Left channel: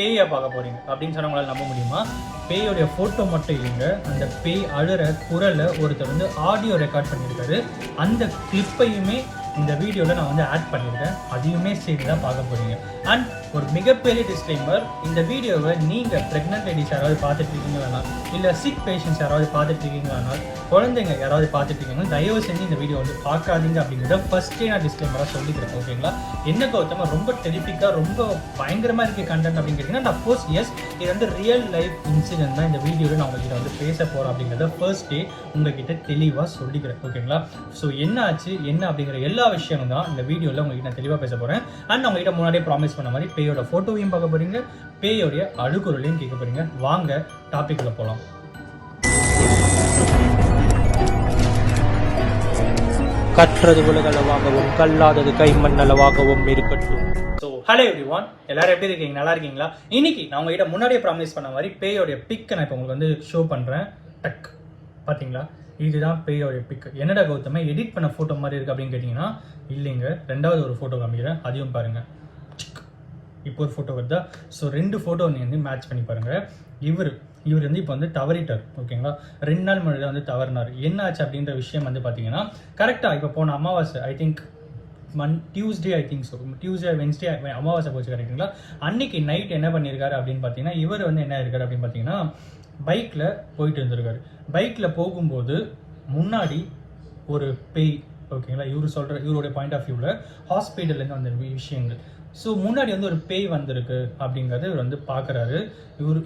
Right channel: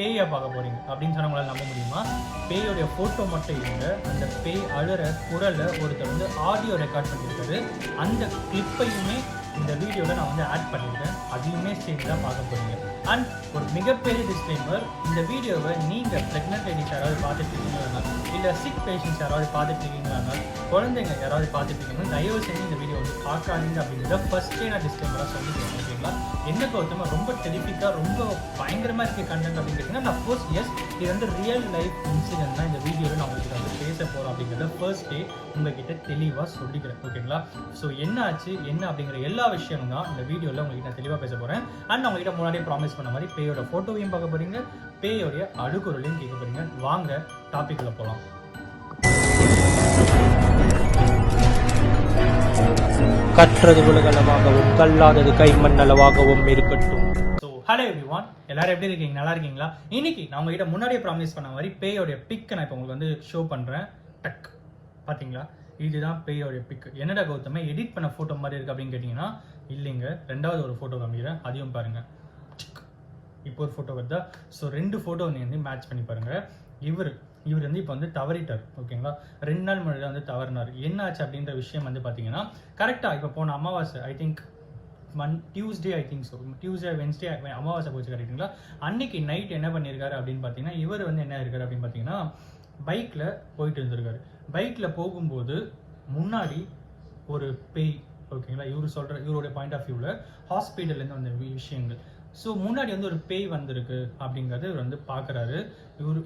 பேயை பார்க்க போறீங்க அப்படின்னு சொன்னா உங்களால் நம்ப முடியுமா? பேயோடைய ஃபோட்டோ மட்டும் இல்லைங்க, அந்த பேய் அழுற குரலை ஒருத்தர் வந்து ஆடியோ ரெக்கார்ட் பண்ணியிருக்காரு. அந்த கிளிப்பையுமே இந்த வீடியோவில் நான் வந்து ஆட் பண்ணியிருக்கேன். அதையுமே சேர்த்து தான் பார்க்க போறீங்க. அண்ட் ஒரு மிகப்பெரிய டிஸ்க்ளைமர், இந்த வீடியோவை நீங்கள் ப்ரெக்னென்ட் லேடிஸ் யாராவது பார்த்துட்டு இருக்கீங்களா, இல்லை சிக் பேஷண்ட்ஸ் யாராவது பார்த்துட்டு இருக்கீங்களா, குழந்தைங்க யாராவது பார்த்துட்டு இருக்கீங்கன்னா தயவு செஞ்சு இந்த வீடியோ வந்து பார்க்காதீங்க அப்படிங்கிறத ஃபர்ஸ்டே நான் டிஸ்க்ளைமராக சொல்லிக்கிறேன். ஓகேங்களா? என்ன கௌதமா ரொம்ப டெலிஃபிக்காக ரொம்ப பயங்கரமாக இருக்க கண்டென்ட் அப்படின்னு கேட்டிங்கன்னா, அஃப்கோர்ஸ் எஸ், இது வந்து ரியல் லைஃப் இன்சிடென்ட் தான் இந்த வீடியோவில் நான் உங்களுக்கு வந்து பேச போகிறேன் அப்படிங்கிறத ஃபர்ஸ்ட் டே உங்ககிட்ட தெளிவாக சொல்லிக்கிறேன். ஓகேங்களா? ஸோ என்ன ஆச்சு என்ன அப்படிங்கிற எல்லா விஷயமும் தான் இந்த வீடியோவில் உங்களுக்கு நான் தெளிவாக பேச போகிறேன். அண்ட் உங்ககிட்ட முன்னாடியே ப்ராமிஸ் பண்ண மாதிரி பேயோட ஃபோட்டோவையும் பார்க்க போகிறீங்க, பேயோடைய அழுகுரலையும் கேட்க போகிறீங்க. வாங்க டாபிக்ல போகலாம். கற்றது உலகளவாகவும் கல்லாதது கைமண்ணளவாகவும் இருக்கட்டும். ஸோ ஹலோ எவ்ரிவான், எல்லாரும் எப்படி இருக்கீங்க? நல்லா இருக்கீங்களா? இன்னைக்கு நான் உங்ககிட்ட முன்னாடியே ப்ராமிஸ் பண்ண மாதிரி பேயோடைய பிக்கை நான் இப்போ உங்களுக்கு வந்து ஷோ பண்ணுறேன். டக், பார்த்தீங்களா? இதுதான் பேயோடைய பிக். என்னடா கௌதம எடிட் பண்ண ஃபோட்டோ மாதிரி இருக்குது அப்படின்னு கேட்டிங்கன்னா, இல்லைங்க, ரெண்டாவது ஒரு ஃபோட்டோ காமிக்கிறேன், அதையும் பாருங்கள். இப்போ ஒரு ஃபோட்டோ வருதா? ஸோ ரெண்டு ஃபோட்டோ வந்து மேட்ச் பண்ணி பாருங்கள். இவர் வந்து இப்போ வந்து தவறிட்டார். ஓகேங்களா? 2 நாள் முன்னாடி வந்து தவறினார். என்ன ஆச்சு அப்படின்ற விஷயம் வந்து பார்த்தீங்கன்னா, கரெக்டாக இப்போ போன அமாவாசை, I think Tuesday, I think so Tuesday Wednesday அமாவாசை போச்சு, கரெக்டுங்களா? அன்னைக்கு நைட் என்ன பண்ணியிருக்காரு அப்படின்னு பார்த்தீங்கன்னா, இவர் வந்து என்ன இருக்காரு அப்படின்னு பார்த்தீங்கன்னா, பைக்கில் போயிட்டு இருந்திருக்காரு. பைக்கில் போகும்போது முன்னாடி ஒரு பேய், ஓகேங்களா, இவருடைய பாயிண்ட் ஆஃப் வியூவில் ஹாஸ்பிட்டல்லேருந்து வந்த விஷயங்கள். ஸோ முன்னாடி வந்து ஒரு பேய் வந்திருக்கு அப்படிங்கிறது இவர் வந்து பார்க்குறாரு.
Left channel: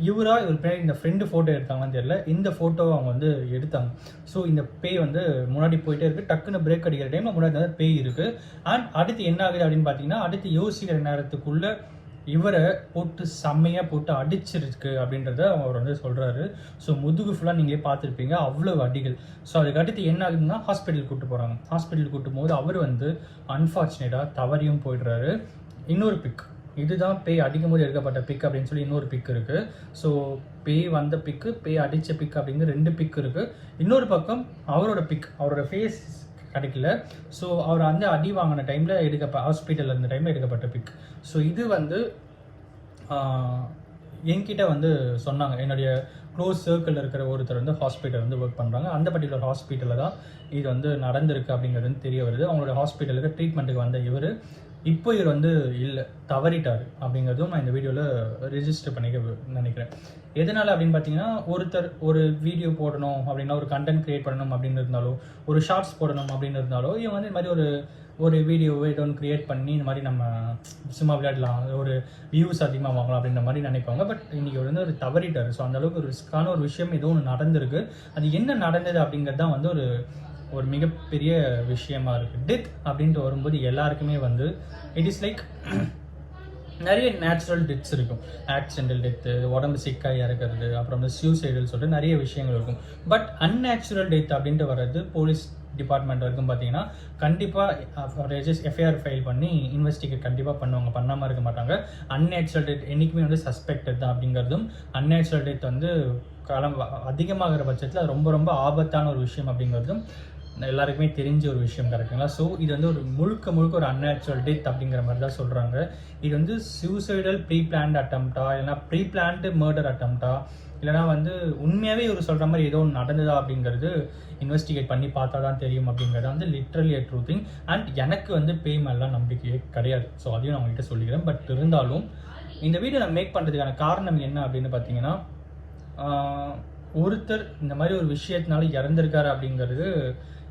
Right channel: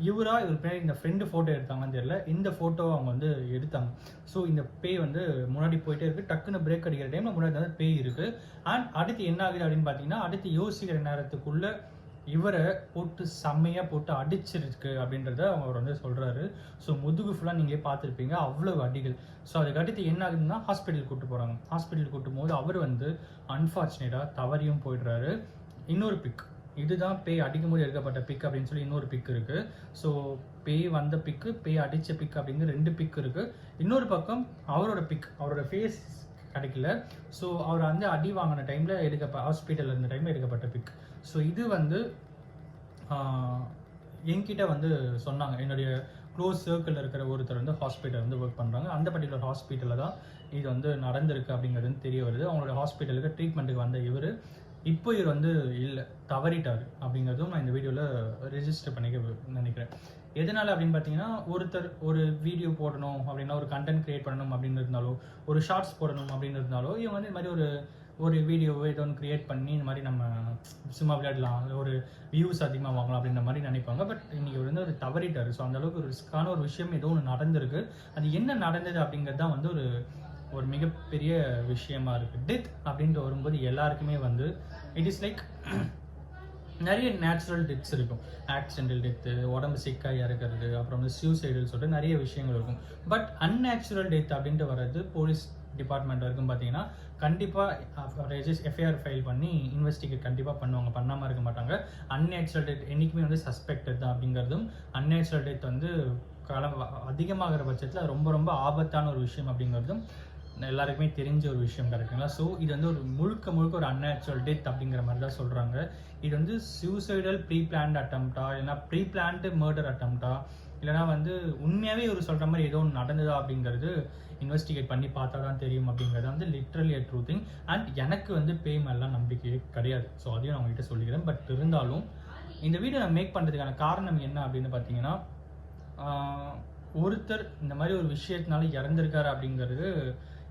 இவர் பேய் இந்த ஃப்ரெண்டு ஃபோட்டோ எடுத்தாங்கன்னு தெரியல, இந்த ஃபோட்டோவை அவங்க வந்து எடுத்தாங்க. ஸோ இந்த பேய் வந்து முன்னாடி போயிட்டே இருக்குது. டக்குன்னு பிரேக் அடிக்கிற டைமில் முன்னாடி வந்து பேய் இருக்குது. அண்ட் அடுத்து என்ன ஆகுது அப்படின்னு பார்த்தீங்கன்னா, அடுத்து யோசிக்கிற நேரத்துக்குள்ளே இவரை போட்டு செம்மையாக போட்டு அடிச்சிருக்கு அப்படின்றத அவர் வந்து சொல்கிறாரு. ஸோ முதுகு ஃபுல்லாக நீங்கள் பார்த்துருப்பீங்க, அவ்வளோ அடிகள். ஸோ அதுக்கு அடுத்து என்ன ஆகுதுன்னா, ஹாஸ்பிட்டலுக்கு கூப்பிட்டு போகிறாங்க. ஹாஸ்பிட்டலுக்கு கூப்பிட்டு போது அவர் வந்து அன்ஃபார்ச்சுனேட்டாக தவறியும் போயிடுறாரு. இன்னொரு பிக், இதுதான் பேய் அடிக்கும் போது எடுக்கப்பட்ட பிக் அப்படின்னு சொல்லி இன்னொரு பிக் இருக்குது. ஸோ பேய் வந்த பிக்கு, பேய் அடித்த பிக் அப்படிங்கிற 2 பிக் இருக்குது. இன்னொரு பக்கம் அவரோட பிக், அவரோட ஃபேஸ் கிடைக்கல. ஸோ அவர் வந்து அடி வாங்கின டைமில் ஹாஸ்பிட்டலில் இருந்த டைமில் எடுக்கப்பட்ட பிக். ஸோ இது வந்து என்கிட்ட வந்து சொன்னாங்க, என்னுடைய க்ளோஸ் சர்க்கிளில் இருக்கிற ஒருத்தர் வந்து ஹாஸ்பிட்டல் வந்து ஒர்க் பண்ணுறாங்க. அந்த பர்டிகுலர் ஹாஸ்பிட்டலில் தான் இது வந்து நடந்திருக்கு அப்படிங்கிறது வந்து தெரிய வருது. அவங்களோட ஹாஸ்பிட்டலுக்கு ட்ரீட்மெண்ட்டுக்கு வந்த இப்போ இவர் வந்து இல்லை, தவறிட்டார் அப்படிங்கிறதும் நான் இந்த வீடியோவில் ரிஜிஸ்டர் பண்ணிக்க நினைக்கிறேன். எதனால் அப்படின்னு பார்த்தீங்கன்னா, ஒருத்தர் ஒரு வீடியோ போடணும் அப்படின்னா, ஒரு கண்டென்ட் க்ரியேட் பண்ணணும் அப்படின்னு இருந்தாலோ, ஒரு ஷார்ட்ஸ் போடணும் அப்படின்னு இருந்தாலோ, இவங்க வந்து இந்த மாதிரி ஒரு வீடியோவை ஏதோ ஒன்று க்ரியேட் பண்ணி இந்த மாதிரி நம்ம சும்மா விளையாடலாம், ஒரு வியூஸ் அதிகமாக வாங்கலாம் அப்படின்ற மாதிரி நினைப்பாங்க. பட் இன்றைக்கி வந்து ஒரு தவறிட்டார். ஸோ அந்தளவுக்கு ஒரு ரிஸ்க்கான ஒரு விஷயம் ஏதோ ஒன்று நடந்திருக்கு. அது என்ன நடந்தது அப்படிங்கிறது தான் வந்து ஒரு மிகப்பெரிய விஷயமா இருக்குது. டெத் அப்படின்ட்டு வரும்போது எல்லாருக்குமே வந்து இட் இஸ் லைக் நிறைய நேச்சுரல் டெத்ஸ் இருக்கும். ஆக்சிடென்டல் டெத்து, உடம்பு சிக்காக இறக்குறது, அப்புறம் வந்து சூசைடல் சொல்லிட்டு நிறைய விஷயங்கள் இருக்கும். பட் அன்நேச்சுரல் டெத் அப்படின்ட்டு வர்றது போலீஸ் டிபார்ட்மெண்ட் வரைக்கும் பார்த்தீங்கன்னா, கண்டிப்பாக எஃப்ஐஆர் ஃபைல் பண்ணி இன்வெஸ்டிகேட் கண்டிப்பாக பண்ணுவாங்க, பண்ணாமல் இருக்க மாட்டாங்க. அன்நேச்சுரல் டெத் என்றைக்குமே வந்து சஸ்பெக்டட் தான் அப்படிங்கிறதும், அன்நேச்சுரல் டெத் வந்து அதிகமாகிற பட்சத்தில் ரொம்ப ரொம்ப ஆபத்தான ஒரு விஷயம் அப்படிங்கிறதும் எல்லாருக்குமே தெரிஞ்ச ஒரு விஷயம், கரெக்டுங்களா? ஸோ இது வந்து முழுக்க ஒரு அன்நேச்சுரல் டெத் அப்படிங்கிற மாதிரி தான் சொல்கிறாங்க. இது வந்து சூசைடல் ப்ரீ பிளான்ட் அட்டம்ப்டா, இல்லைனா ப்ரீ பிளான்டு மர்டர் அட்டம்ப்டா, இல்லைனா வந்து உண்மையாகவே இவர் சொல்கிற மாதிரி ஏதோ ஒன்று நடந்ததா அப்படிங்கிறது இன்வெஸ்டிகேட் பண்ணி பார்த்தா தான் தெரியும் அப்படிங்கிறது வந்து லிட்ரலி ட்ரூ திங். அண்ட் எனக்கு வந்து பேய் மேலாம் நம்பிக்கையே கிடையாது. ஸோ அதையும் நான் உங்ககிட்ட சொல்லிக்கிறேன். பட் இருந்தாலும் இந்த வீடியோ நான் மேக் பண்ணுறதுக்கான காரணம் என்ன அப்படின்னு பார்த்தீங்கன்னா, ஒருத்தர் இந்த மாதிரி ஒரு விஷயத்தினால இறந்துருக்காரு அப்படிங்கிறது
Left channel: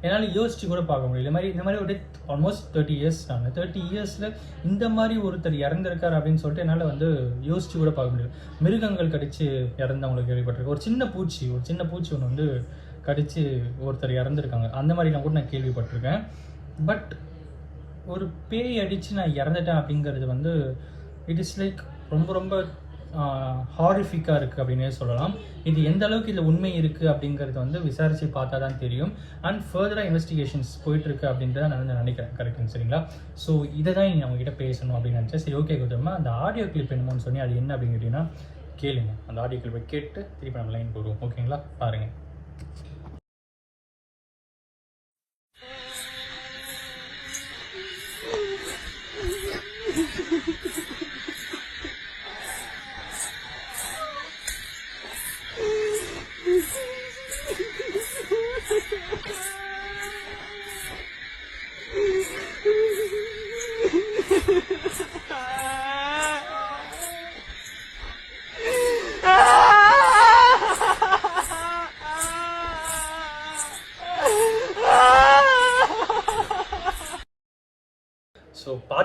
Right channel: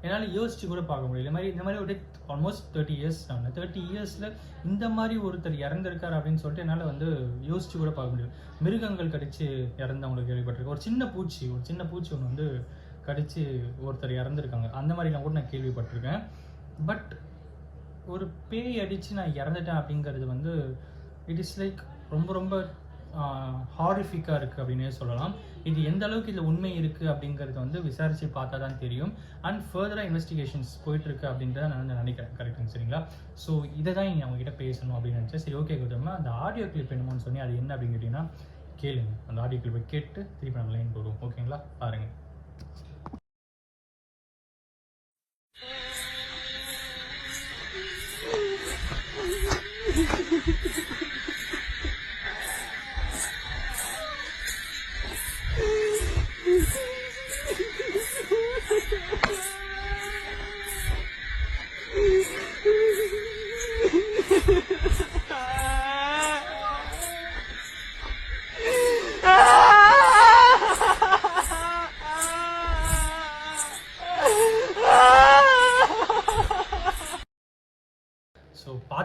என்னால் யோசிச்சு கூட பார்க்க முடியல. இந்த மாதிரி ஒரு ஆல்மோஸ்ட் 30 இயர்ஸ், நான் 30 இயர்ஸில் இந்த மாதிரி ஒருத்தர் இறந்துருக்காரு அப்படின்னு சொல்லிட்டு என்னால் வந்து யோசிச்சு கூட பார்க்க முடியல. மிருகங்கள் கடிச்சு இறந்தவங்களுக்கு கேள்விப்பட்டிருக்கேன். ஒரு சின்ன பூச்சி ஒன்று வந்து கடிச்சு ஒருத்தர் இறந்துருக்காங்க, அந்த மாதிரிலாம் கூட நான் கேள்விப்பட்டிருக்கேன். பட் ஒரு பேய் அடித்து நான் இறந்துட்டேன் அப்படிங்கிறது வந்து இட் இஸ் லைக் ரொம்ப ஹாரிஃபிக்காக இருக்குது அப்படின்னே சொல்லலாம். இது எந்த அளவுக்கு இதில் உண்மை இருக்குது அப்படிங்கிறது வந்து விசாரித்து பார்த்தா தான் தெரியும். அண்ட் ஃபர்தராக இன்வெஸ்டிகேஷன்ஸ் போயிட்டுருக்கு அப்படின்றத நான் வந்து நினைக்கிறேன், கரெக்டுங்க, சரிங்களா? ஸோ இதை தான் நீங்கள் அவங்ககிட்ட பேசணும் அப்படின்னு நினச்சேன். சரி, ஓகே கௌதமா, அந்த ஆடியோ கிளிப் என்னமோன்னு சொன்னி அது என்ன அப்படின்னு கேட்டிங்கன்னா கேளுங்க. அந்த ஆடியோ கிளிப்பை கேட்டு திருப்பி நம்ம லைன் போடுவோம், ஓகேங்களா? பாருங்கள்.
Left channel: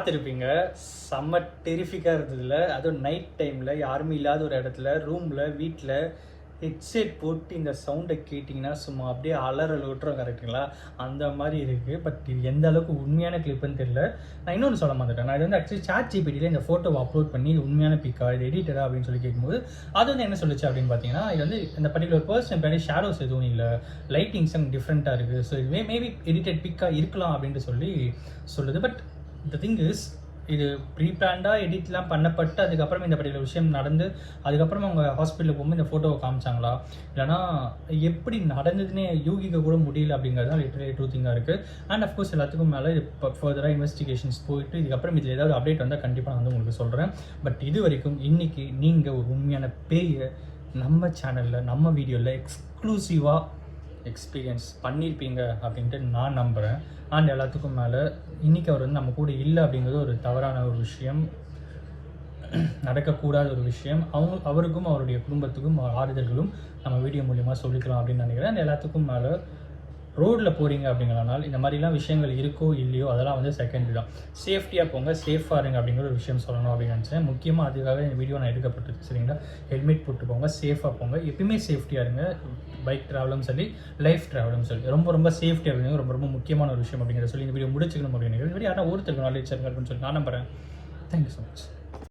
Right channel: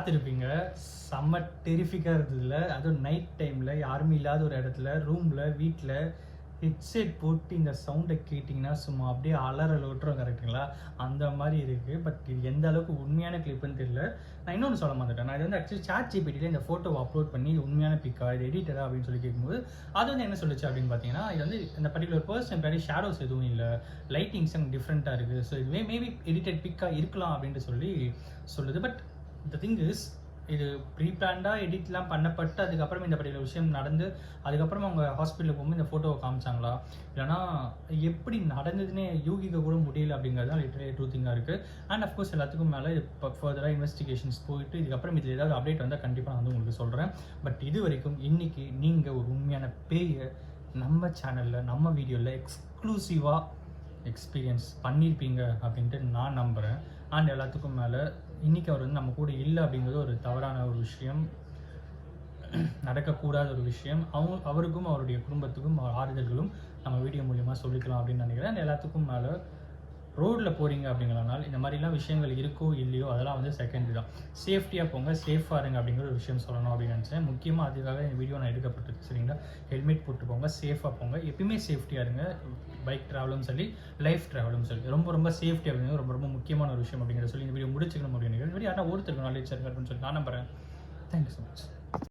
பார்த்துருப்பீங்க, செம்ம டெரிஃபிக்காக இருந்ததில்ல. அதுவும் நைட் டைமில் யாருமே இல்லாத ஒரு இடத்துல ரூமில் வீட்டில் ஹெட்செட் போட்டு இந்த சவுண்டை கேட்டிங்கன்னா சும்மா அப்படியே அலறல் விட்டுரும், கரெக்டுங்களா? அந்த மாதிரி இருக்குது. பட் இது எந்த அளவுக்கு உண்மையான கிளிப்புன்னு தெரியல. நான் இன்னொன்று சொல்ல மாட்டேன், நான் இது வந்து ஆக்சுவலி ChatGPTல இந்த ஃபோட்டோவை அப்லோட் பண்ணி இது உண்மையான பிக்கா, இது எடிட்டரா அப்படின்னு சொல்லி கேட்கும்போது அது வந்து என்ன சொல்லுச்சு அப்படின்னு பார்த்தீங்கன்னா, இது வந்து இந்த பர்டிகுலர் பர்சன் பின்னாடி ஷேடோஸ் எதுவும் இல்லை, லைட்டிங்ஸ் டிஃப்ரெண்ட்டாக இருக்குது, ஸோ இதுவே மேபி எடிட்டட் பிக்காக இருக்கலாம் அப்படின்ட்டு சொல்லி சொல்லுது. பட் த திங் இஸ், இது ப்ரீ பிளான்டாக எடிட்லாம் பண்ணப்பட்டு அதுக்கப்புறம் இந்த பர்டிகுலர் விஷயம் நடந்து அதுக்கப்புறம் அவங்க ஹாஸ்பிட்டலுக்கு போகும்போது இந்த ஃபோட்டோவை காமிச்சாங்களா, இல்லைனா எப்படி நடந்ததுன்னே யூகிக்க கூட முடியல அப்படிங்கிறது தான் லிட்டரலி ட்ரூ திங்காக இருக்குது. அண்ட் அஃப்கோர்ஸ் எல்லாத்துக்கும் மேலே இது ஃபர்தராக இன்வெஸ்டிகேஷன்ஸ் போயிட்டு இதுக்கப்புறம் இதில் ஏதாவது அப்டேட் வந்தால் கண்டிப்பாக நான் வந்து உங்களுக்கு சொல்கிறேன். பட் இது வரைக்கும் இன்றைக்கி நீங்கள் ஒரு உண்மையான பேயை நம்ம சேனலில் நம்ம வீடியோவில் எக்ஸ்க்ளூசிவாக எக்ஸ்பீரியன்ஸ் பண்ணியிருப்பீங்க அப்படின்ட்டு நான் நம்புகிறேன். அண்ட் எல்லாத்துக்கும் மேலே இன்றைக்கி அவர் வந்து நம்ம கூட இல்லை அப்படிங்கிறது ஒரு தவறான ஒரு விஷயம், நடக்கக்கூடாத ஒரு விஷயம். அவருக்கும் அவருடைய குடும்பத்துக்கும் ஆறுதல்களும் நம்ம வீடியோ மூலிமா சொல்லிக்கலாம் அப்படின்னு நினைக்கிறேன். அண்ட் எல்லாத்துக்கும் மேலே ரோட்டில் போகிறீங்க அப்படிங்கிறனால இந்த மாதிரிலாம் விஷயங்கள் இருக்கோ இல்லையோ அதெல்லாம் வந்து செகண்டரி தான். சேஃப்டியாக போங்க, சேஃபாக இருங்க அப்படிங்கிற ஒரு விஷயம் சொல்லணும் அப்படின்னு நினச்சேன். முக்கியமாக அதுக்காக இந்த வீடியோ நான் எடுக்கப்பட்டது. சரிங்களா? ஹெல்மெட் போட்டு போங்க, சேஃபாக போங்க, எப்பயுமே சேஃப்டியாக இருங்க. பைக் ட்ராவலும் சரி, லைஃப் ட்ராவலும் சரி, ரொம்ப சேஃப்டியாக இருங்க. ரொம்ப முக்கியமான ஒரு விஷயம் அப்படிங்கிறத சொல்லி இந்த வீடியோ முடிச்சுக்கணும் அப்படின்னு நினைக்கிறேன். இந்த வீடியோ ஆனால் ஒருத்தருக்கு நாலேஜ் இருக்குன்னு சொல்லி நான் நம்புகிறேன். Thank you so much.